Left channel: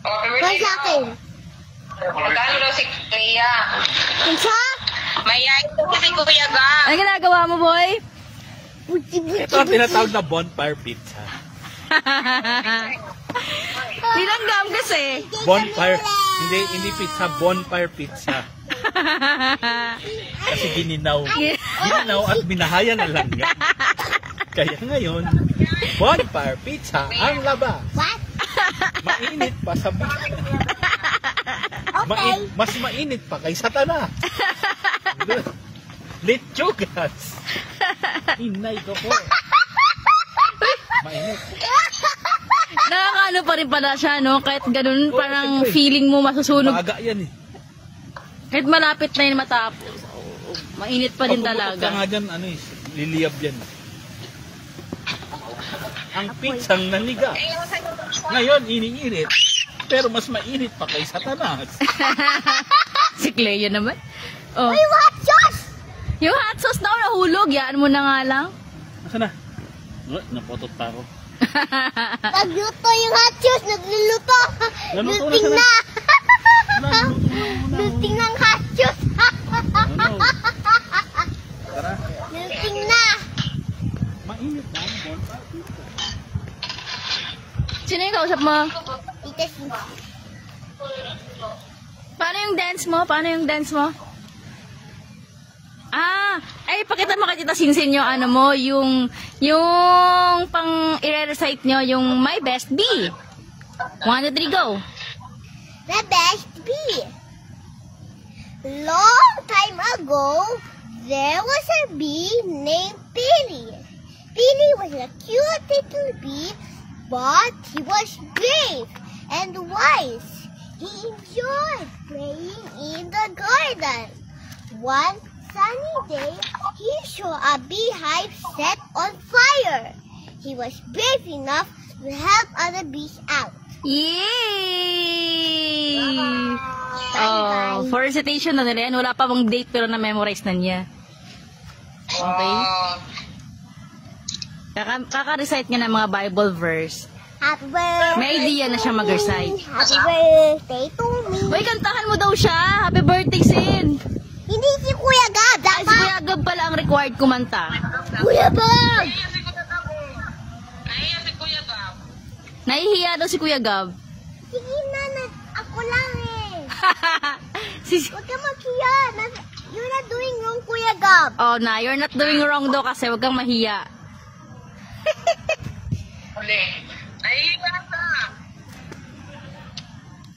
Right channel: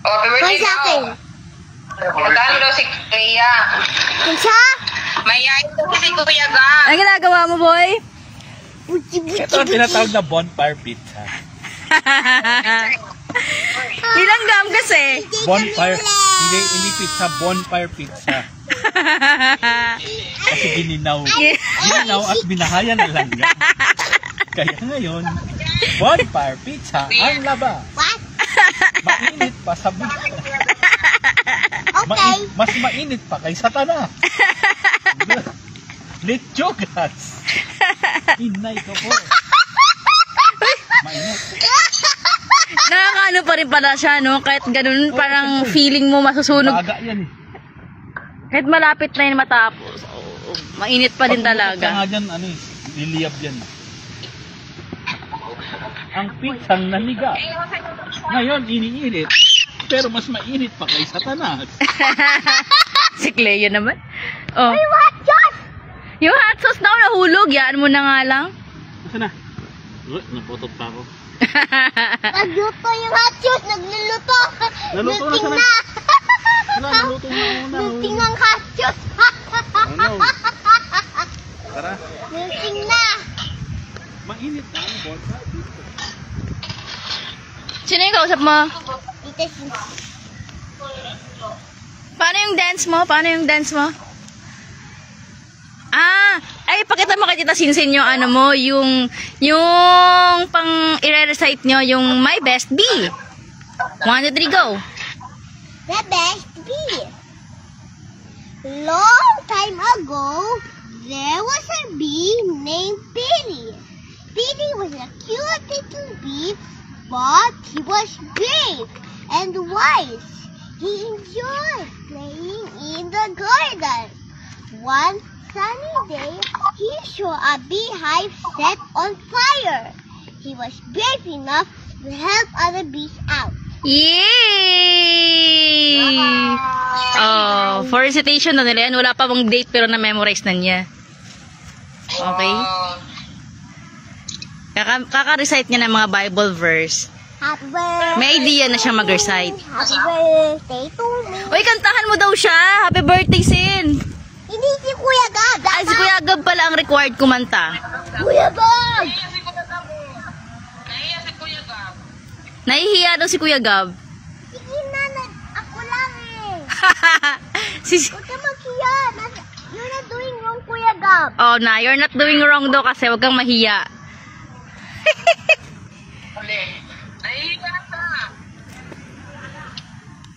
Kaya sa akin. Magkano daw si Clea? Kinsa? Mayayin ko si Kuya Gab. Ang ginagawa mo, boy? Ito ang tinatawag na bonfire pizza. Ilang gam kasi? Bonfire. Hindi pizza, bonfire pizza. Kasi dininaw. Dininaw at binahaya na lang. Kaya ngayon, bonfire pizza ang laba. What? Mainit pa sa baka. Okay. Mas mainit pa kay Satanas. Lechogas. Inay ko po. Mainit. Nakakaano pa rin pala siya, no? Kahit ganun, parang feeling mo masusunog. Baga yan eh. Kahit malapit na yun matapos. Mainit pa din talaga. Pag nga dyan, liliyab yan. Ang pizzang naniga. Ngayon, iniinit. Pero mas mainit pa kay Satanas. Si Clea naman. Oh. Ay, hot sauce! Yung hot sauce daw nahulog. Yan mo na nga lang. Nasaan na? Naputot pa ako. Nagluto yung hot sauce. Nagluluto. Naluto na Luting sana. na. Naluto na una. Luting ng hot sauce. Ano? Tara. Luting na. Mainit na ang bonfire pizza. Sino yung kausap mo? Ito si... Paano yung dance mo? Paano yung dance mo? Ay, pakita mo kay Tita Sinsin yung ano mo, yung pang i-recite nyo, yung My Best Bee. 1, 2, 3, go. The best bee. Long time ago, there was a bee named Billy. Billy was a cute little bee, but he was brave and wise. He enjoyed playing in the garden. One sunny day, he saw a beehive set on fire. He was brave enough to help other bees out. Yay! Oh, for recitation na nila yan. Wala pa bang date pero na-memorize na niya. Okay? Kaka-recite niya ng mga Bible verse. Happy birthday. May idea na siya mag-recite. Happy birthday to me. Uy, kantahan mo daw siya. Happy birthday, Sin. Hindi si Kuya Gab. Ay, si Kuya Gab pala ang required kumanta. Kuya Gab. Nahihiya daw si Kuya Gab. Sige na, ako lang eh. Huwag ka maghiya. You're not doing wrong, Kuya Gab. Oh, you're not doing wrong daw kasi wag kang mahiya.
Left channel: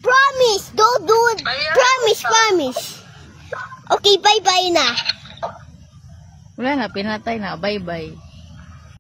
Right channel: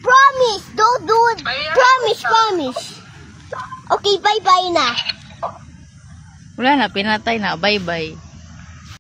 Promise, don't do it. Promise. Okay, bye-bye na. Wala na, pinatay na. Bye-bye.